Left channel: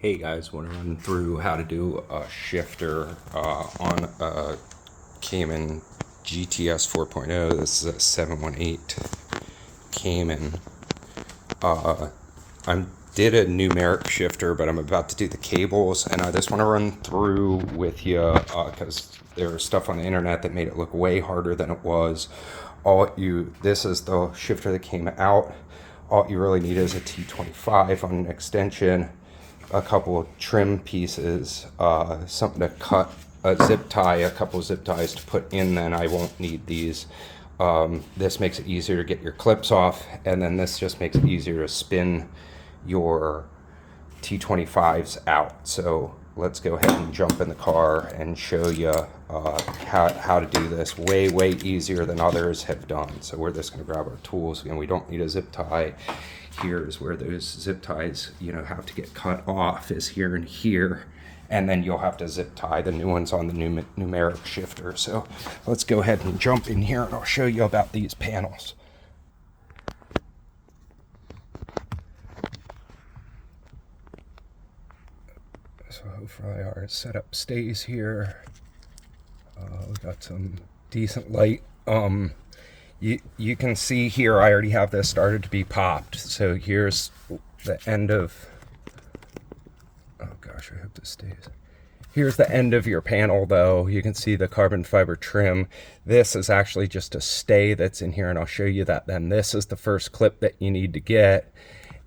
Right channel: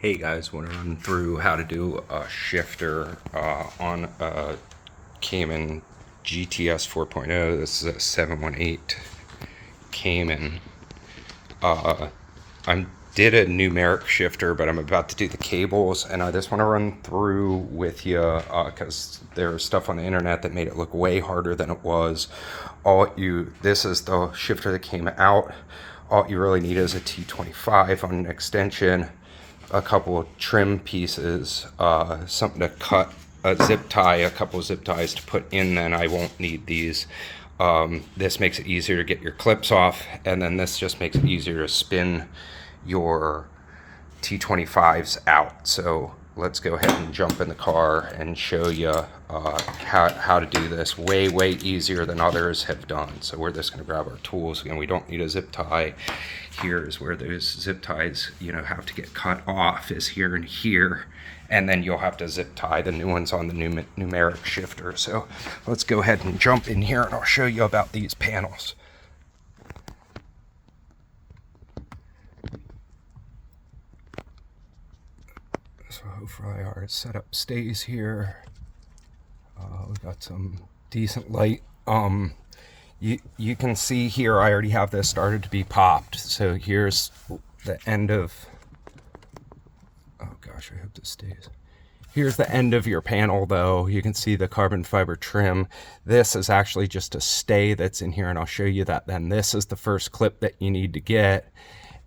Hey guys, want to run through how to do a shifter on a Cayman GTS 4.0. This is a 718 Cayman. I did a numeric shifter, but I'm about to do the cables, and I just want to run through with you because there's stuff on the internet that made it look way harder than it was. This is the shifter that came out. All you really need is a T25 on an extension, a couple of trim pieces, something to cut, a zip tie, a couple of zip ties to put in. Then I won't need these. This makes it easier to get your clips off, and then this just makes it easier to spin your T25s out. So let's go ahead and jump in the car and show you how to do this. Way easier than others have done. So we're just going to grab our tools. Again, we don't need a zip tie. Here's where those zip ties have to get cut off, is here and here, and then you'll have to zip tie the new ones on the numeric shifter. So let's go ahead and jump in here and I'll show you about these panels. So hopefully our setup stays here. We got some decent light. You can see here I already have this started to be popped. So here's the end of, oh gosh, I hope this stays. Here's the end of your panel though. You can see the carbon fiber trim. This is actually just a stay that's in here, and I'll show you that then. This is the first clip that you need to get.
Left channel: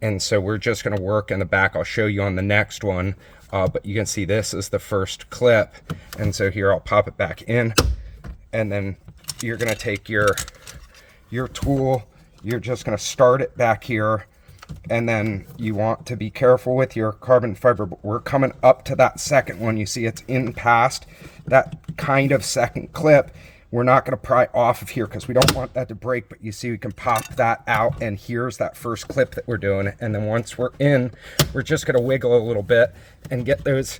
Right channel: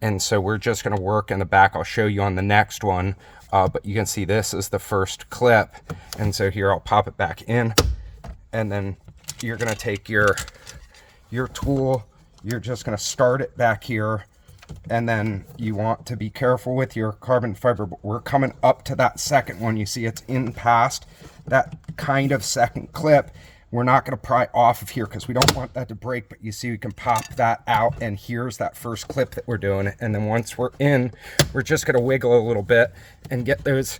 And so we're just gonna work in the back. I'll show you on the next one. But you can see this is the first clip. And so here I'll pop it back in, and then you're gonna take your tool, you're just gonna start it back here, and then you want to be careful with your carbon fiber. But we're coming up to that second one. You see it's in past that kind of second clip. We're not gonna pry off of here because we don't want that to break, but you see we can pop that out, and here's that first clip that we're doing. And then once we're in, we're just gonna wiggle a little bit and get those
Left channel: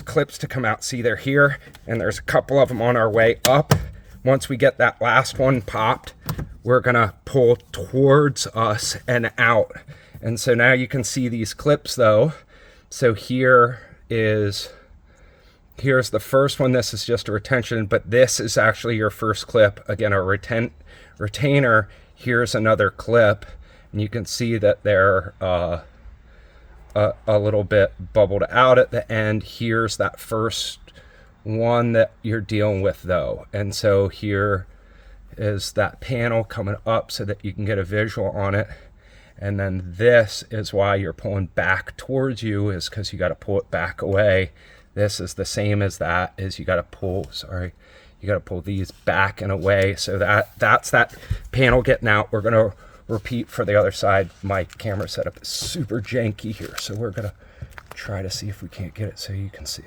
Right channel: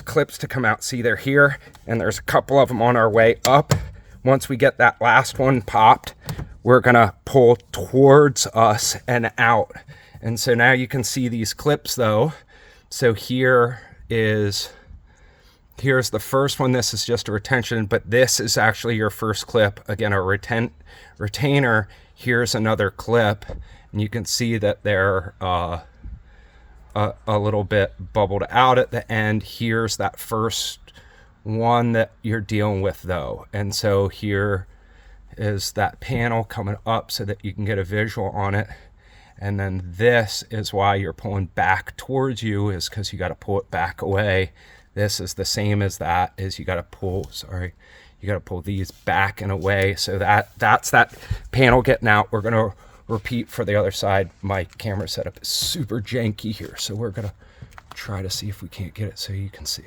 clips to come out. See, they're here, and there's a couple of them on our way up. Once we get that last one popped, we're gonna pull towards us and out. And so now you can see these clips though. So here's the first one. This is just a retention, but this is actually your first clip. Again, a retainer. Here's another clip, and you can see that they're a little bit bubbled out at the end. Here's that first one that you're dealing with though. And so here is that panel coming up so that you can get a visual on it. And then this is why you're pulling back towards you, is because you got to pull it back away. This is the same as that, is you got to pull, you got to pull these back and away. So that's that panel getting out. We're going to repeat for the other side. My camera setup is super janky here, so we're going to try to see if we can't get it so you can see.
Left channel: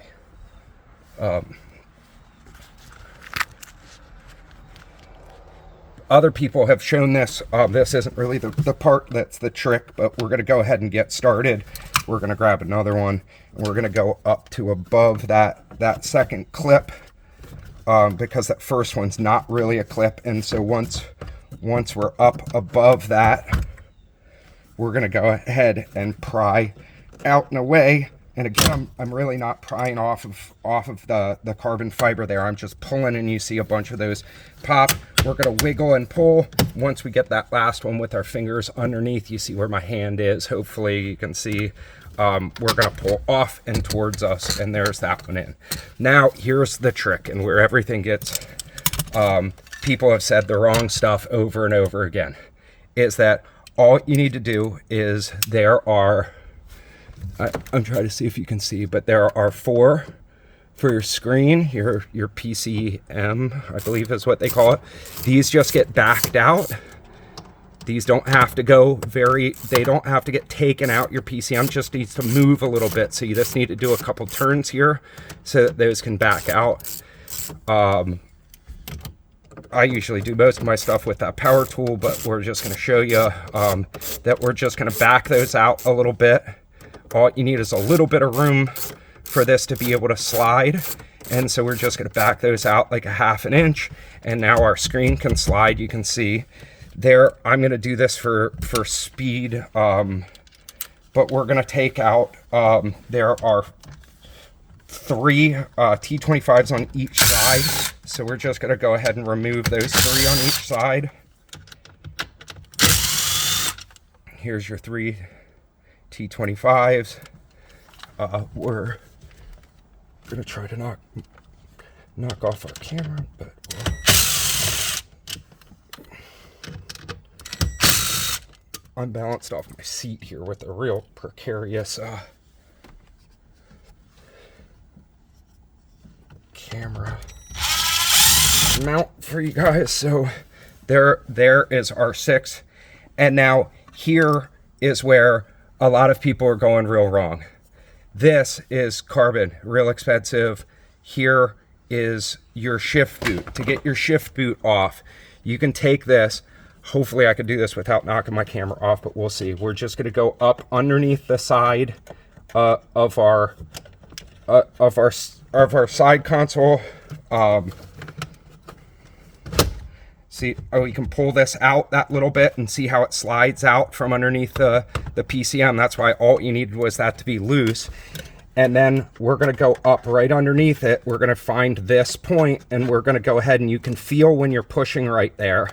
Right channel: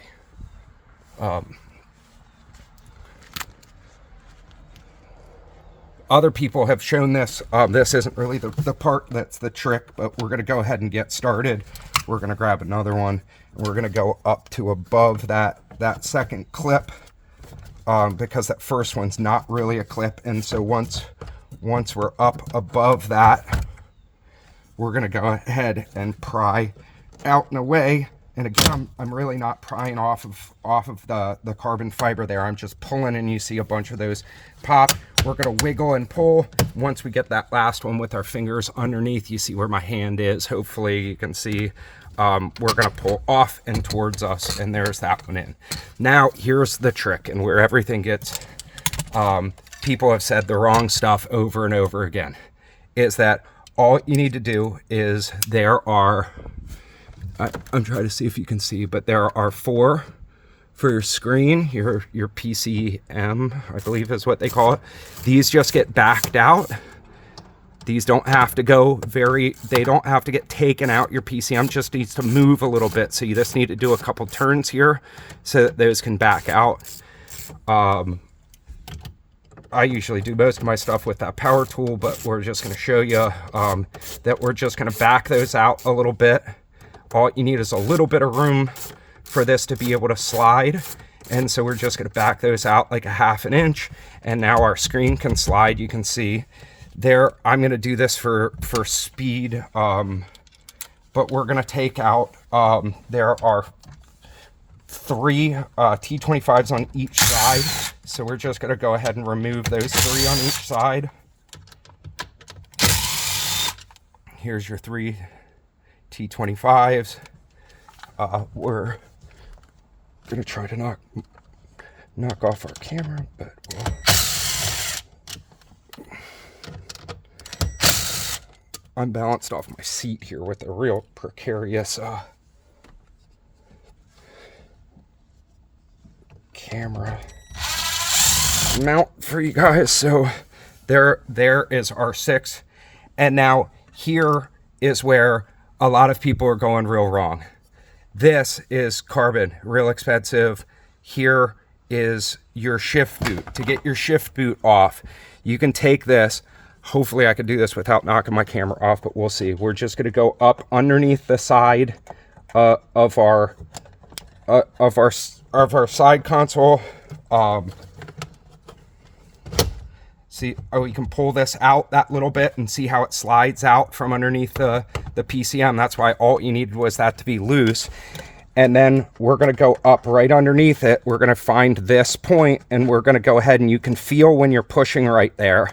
Other people have shown this. This isn't really the part that's the trick, but we're going to go ahead and get started. We're going to grab another one, and we're going to go up to above that second clip, because that first one's not really a clip. And so once we're up above that, we're going to go ahead and pry out and away. And again, I'm really not prying off of the carbon fiber there. I'm just pulling, and you see a bunch of those pop. We're gonna wiggle and pull. Once we get that last one with our fingers underneath, you see where my hand is. Hopefully you can see. We're gonna pull off and towards us, and there's that one in. Now here's the trick, and where everything gets, people have said the wrong stuff over and over again, is that all you need to do is I'm trying to see if you can see, but there are 4 for your screen, your PCM, I believe is what they call it. These just get backed out. These don't have to they don't have to get taken out. Your PCM just needs to move a little bit. So you just need to do a couple turns here so that those can back out. I usually do most of my stuff with that power tool, but we're just gonna show you that we're just gonna back those out a little bit. All you need is a little bit of room for this to be able to slide. And so we're just gonna back those out like a 1/2 inch. And now our screen can slide. You can see there, I'm gonna do this for speed but we're going to take out, there are 3 T25s on each side. So we're just going to go ahead and remove those 3 on each side. Here's your 3 T25s. We're going to try to knock off our camera, but I'm balanced off my seat here with a real precarious camera mount for you guys. So there is our 6, and now here is where a lot of people are going real wrong. This is carbon, real expensive. Here is your shift boot. To get your shift boot off, you can take this. Hopefully I could do this without knocking my camera off, but we'll see. We're just going to go up underneath the side of our side console. See, you can pull this out that little bit and see how it slides out from underneath the PCM. That's why all you needed was that to be loose. And then we're going to go up right underneath it. We're going to find this point, and we're going to go ahead, and you can feel when you're pushing right there.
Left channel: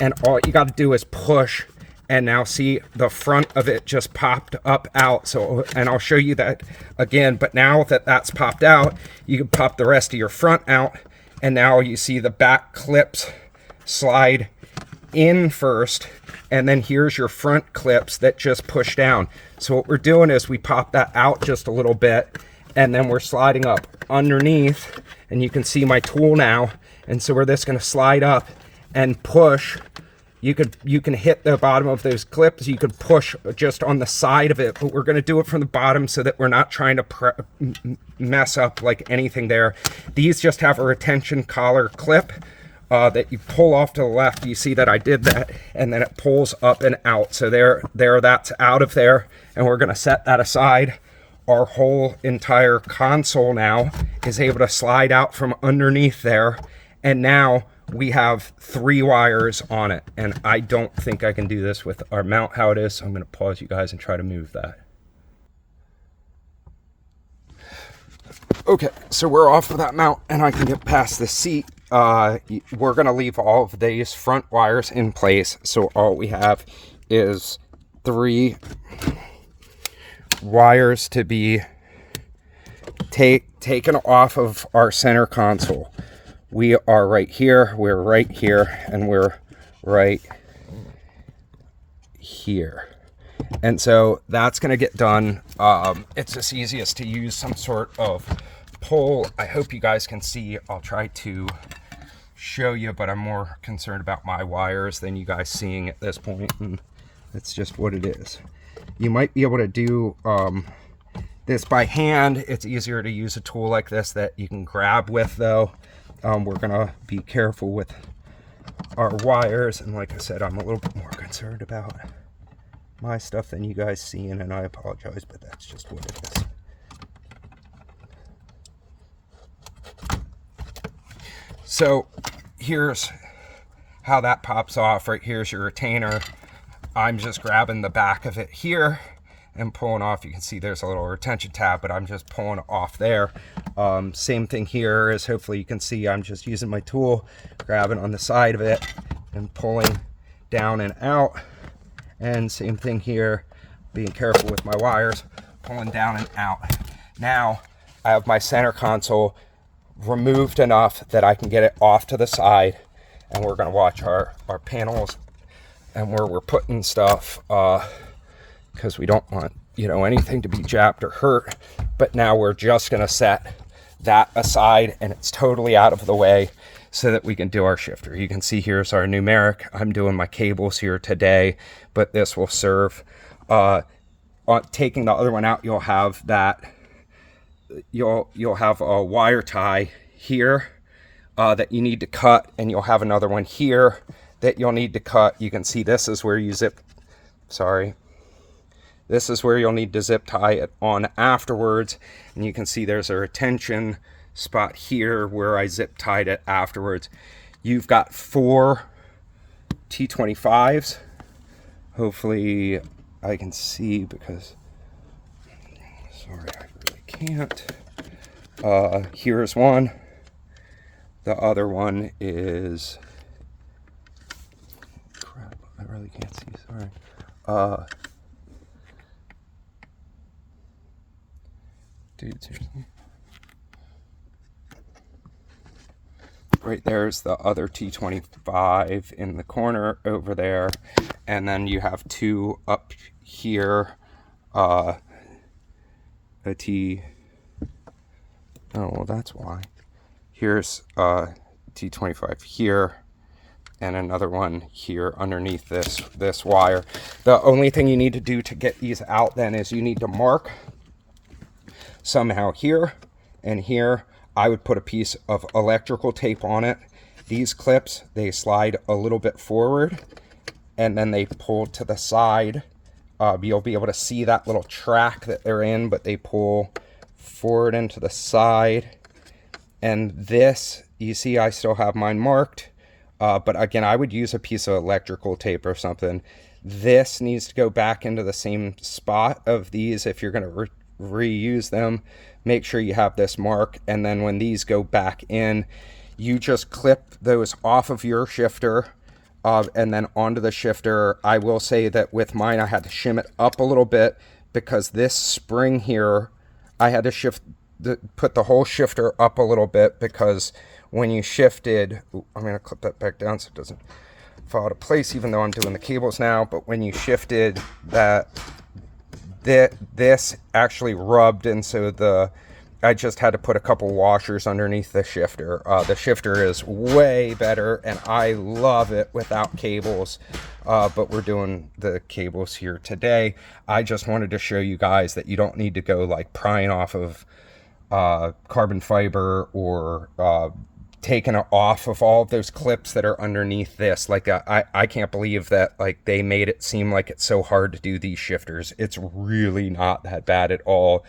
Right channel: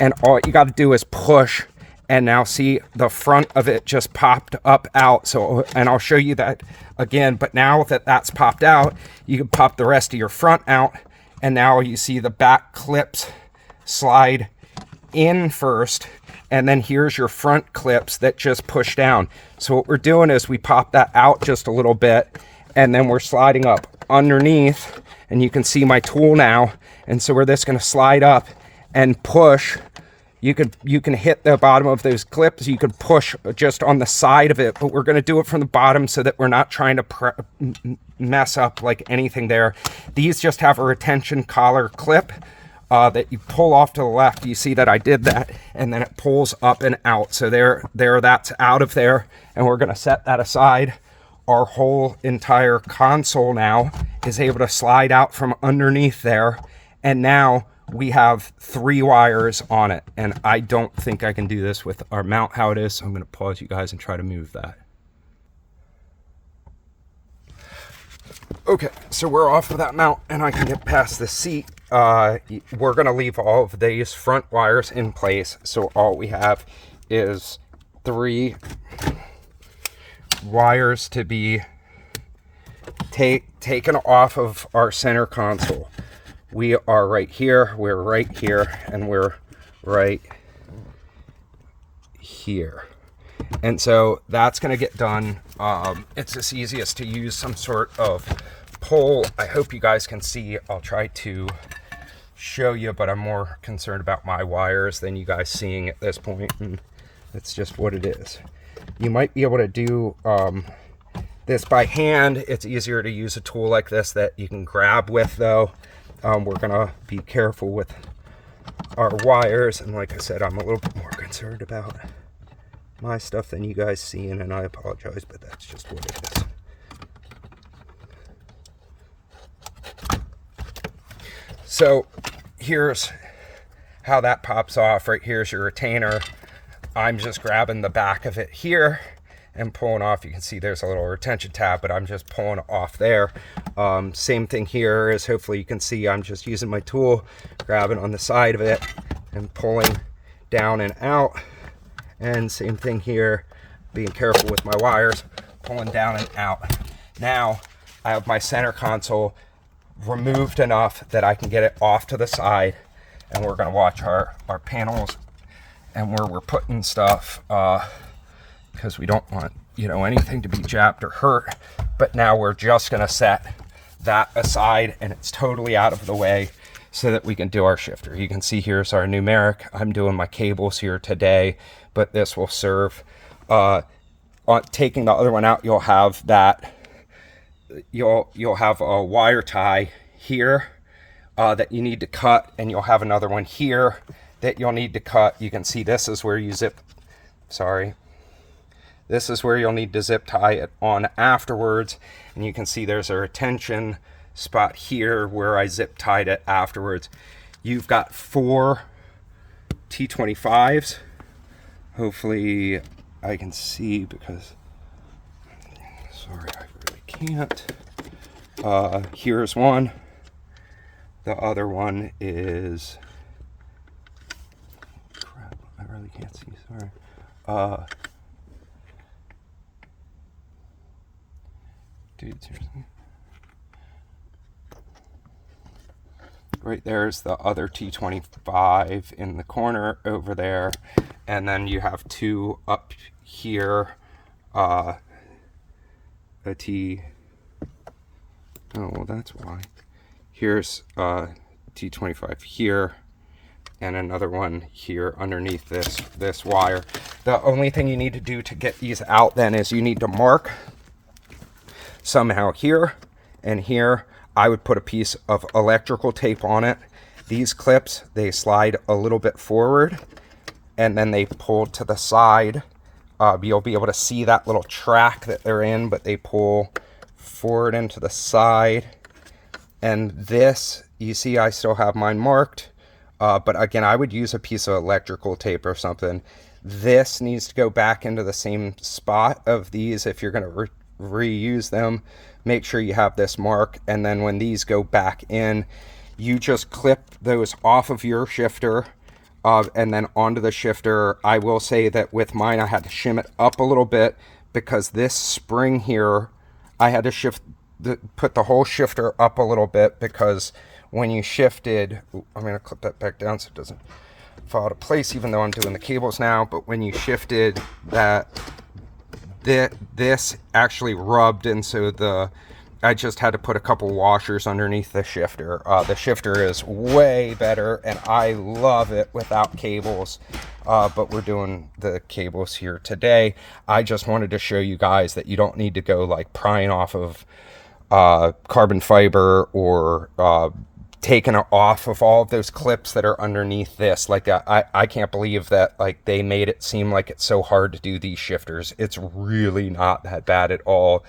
And all you got to do is push, and now see the front of it just popped up out. So, and I'll show you that again, but now that that's popped out, you can pop the rest of your front out, and now you see the back clips slide in first, and then here's your front clips that just push down. So what we're doing is we pop that out just a little bit, and then we're sliding up underneath, and you can see my tool now. And so we're just going to slide up and push. You can hit the bottom of those clips. You could push just on the side of it, but we're going to do it from the bottom so that we're not trying to mess up like anything there. These just have a retention collar clip that you pull off to the left. You see that I did that, and then it pulls up and out. So there, that's out of there, and we're going to set that aside. Our whole entire console now is able to slide out from underneath there, and now we have 3 wires on it, and I don't think I can do this with our mount how it is, so I'm going to pause you guys and try to move that. Okay, so we're off of that mount, and I can get past the seat. We're going to leave all of these front wires in place, so all we have is 3 wires to be taken off of our center console. We are right here, we're right here, and we're right here. And so that's going to get done. It's just easiest to use some sort of pull. I hope you guys can see. I'll try to show you, but I'm more concerned about my wires than you guys seeing at this point, and it's just what it is. You might be able to do this by hand. It's easier to use a tool like this that you can grab with, though. We're gonna be careful with our wires, and like I said, I'm a little bit more concerned about my stuff than you guys seeing, and I apologize, but that's just what it is. So here's how that pops off. Right here's your retainer. I'm just grabbing the back of it here and pulling off. You can see there's a little retention tab, but I'm just pulling off there. Same thing here, as hopefully you can see, I'm just using my tool, grabbing on the side of it and pulling down and out. And same thing here, being careful with my wires, pulling down and out. Now I have my center console removed enough that I can get it off to the side, and we're going to watch our panels and where we're putting stuff, because we don't want, you know, anything to be jabbed or hurt. But now we're just going to set that aside, and it's totally out of the way so that we can do our shifter. You can see here's our numeric. I'm doing my cables here today, but this will serve. On taking the other one out, you'll have that. You'll have a wire tie here that you need to cut, and you'll have another one here that you'll need to cut. You can see this is where you this is where you'll need to zip tie it on afterwards, and you can see there's a retention spot here where I zip tied it afterwards. You've got 4 T25s. Hopefully I can see, because sorry, I really can't. Here's one. The other one is, crap, I really can't see, sorry. Dude, seriously. Right there's the other T25 in the corner over there. And then you have two up here. A T, oh, well, that's why. Here's T25 here, and another one here underneath this wire. The only thing you need to do to get these out then is you need to mark somehow here and here. I would put a piece of electrical tape on it. These clips, they slide a little bit forward and then they pull to the side. You'll be able to see that little track that they're in, but they pull forward and to the side. And this, you see, I still have mine marked. But again, I would use a piece of electrical tape or something. This needs to go back into the same spot of these. If you're going to reuse them, make sure you have this mark. And then when these go back in, you just clip those off of your shifter and then onto the shifter. I will say that with mine, I had to shim it up a little bit because this spring here, I had to put the whole shifter up a little bit, because when you shifted, I'm going to clip that back down so it doesn't fall out of place, even though I'm doing the cables now. But when you shifted that, this actually rubbed, and so I just had to put a couple washers underneath the shifter. The shifter is way better, and I love it without cables. But we're doing the cables here today. I just wanted to show you guys that you don't need to go like prying off of carbon fiber or taking it off of all of those clips that are underneath this. Like I can't believe that like they made it seem like it's so hard to do these shifters. It's really not that bad at all.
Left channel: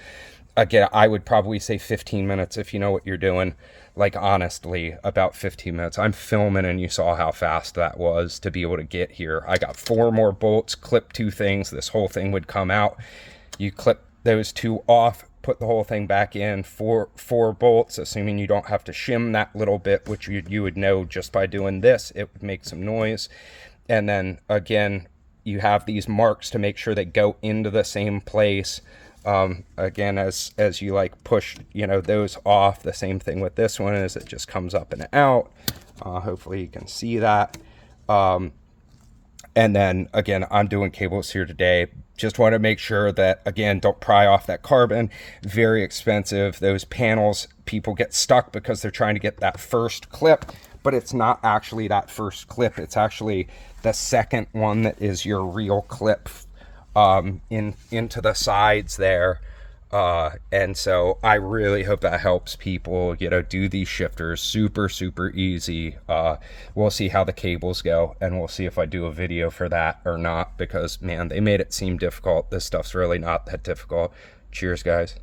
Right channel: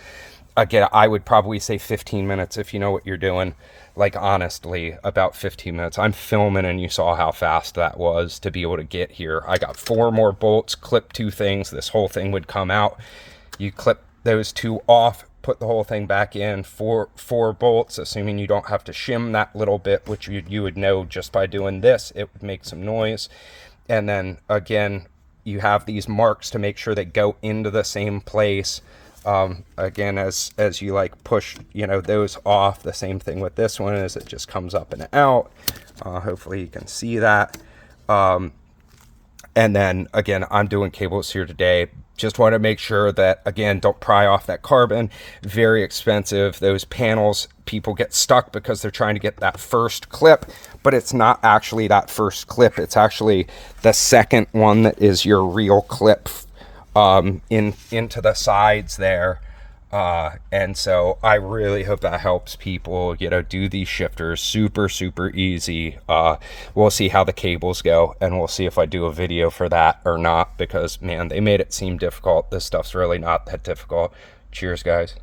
Again, I would probably say 15 minutes if you know what you're doing. Like, honestly, about 15 minutes. I'm filming and you saw how fast that was to be able to get here. I got 4 more bolts, clip 2 things. This whole thing would come out. You clip those 2 off, put the whole thing back in, 4 bolts, assuming you don't have to shim that little bit, which you would know just by doing this. It would make some noise. And then, again, you have these marks to make sure they go into the same place. Again, as you like push, those off, the same thing with this one is it just comes up and out. Hopefully you can see that. And then again, I'm doing cables here today. Just want to make sure that, again, don't pry off that carbon. Very expensive. Those panels, people get stuck because they're trying to get that first clip, but it's not actually that first clip. It's actually the second one that is your real clip into the sides there. And so I really hope that helps people, do these shifters super easy. We'll see how the cables go, and we'll see if I do a video for that or not, because man, they made it seem difficult. This stuff's really not that difficult. Cheers, guys.